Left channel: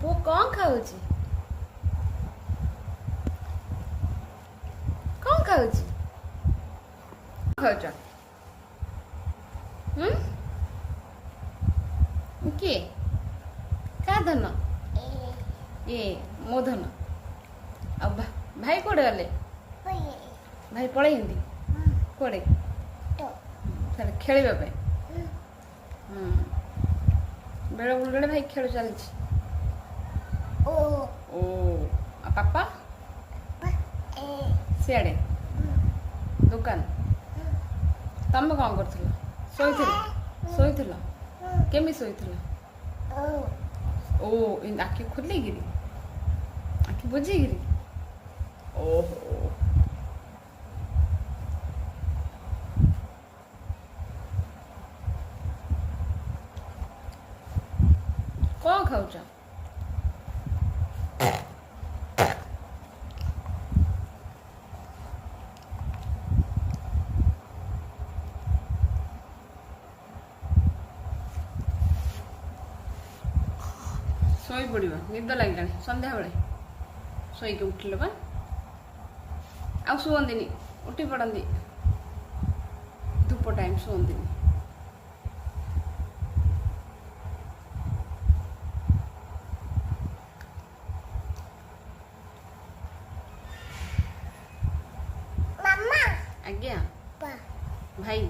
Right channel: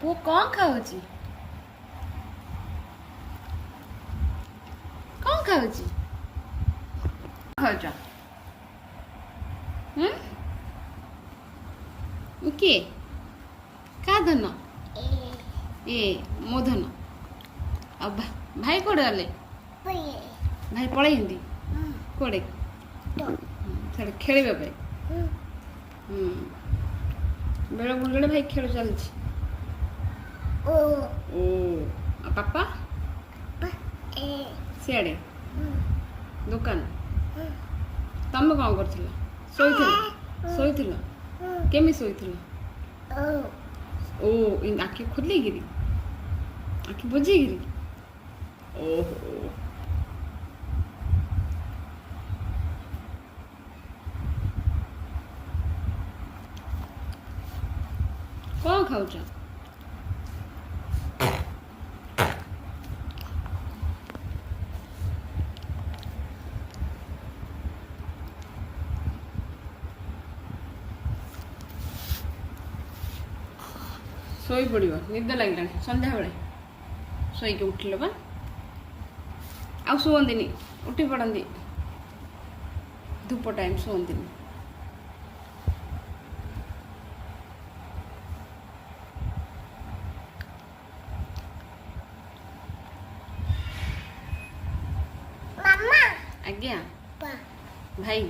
ପୁଅ କଣ ଖାଉଛି? କଣ ଖାଉଛି? ଖାଉଛ? କିଏ? କା ଧନ? ଏ ମୋ ଧନ। ଆଉ ଭାଇ କୁଆଡ଼େ ଗଲେ? ଭାଇ ପଳେଇଛନ୍ତି କୁଆଡ଼େ? ଛାଡ଼ ଖେଳିବା ପାଇଁ। ବେଳେ ବୁଲିବେଳେ ଭାଇ ଖେଳ ଚାଲିଛି। ଓ ଆଉ ପାପା ସିଆଡ଼େ ଦୋକାନ। ତମେ କ'ଣ କରୁଥିଲ? ଶୋଇଥିଲ? କେମିତି ଶୋଇଥିଲ? ଓ ଆଖି ଖୋଲିକିରି, ଆଖି ବୁଜିକିରି? ଓହୋ। କ'ଣ ଖାଉଛ? ଶୋଇପଡ଼ିବ, ନିଦ ଲାଗିଲାଣି ସନ୍ଧ୍ୟାବେଳେ। ଶୋଇକି ଉଠିଲ ବା, ଆଉ ଶୁଅନ୍ତିନି, ଉଠି ପଡ଼ନ୍ତି। ଧୂପ ଟାଇମ୍ ଶୁଅନ୍ତିନି। ଆଜ୍ଞା ଭାଇ।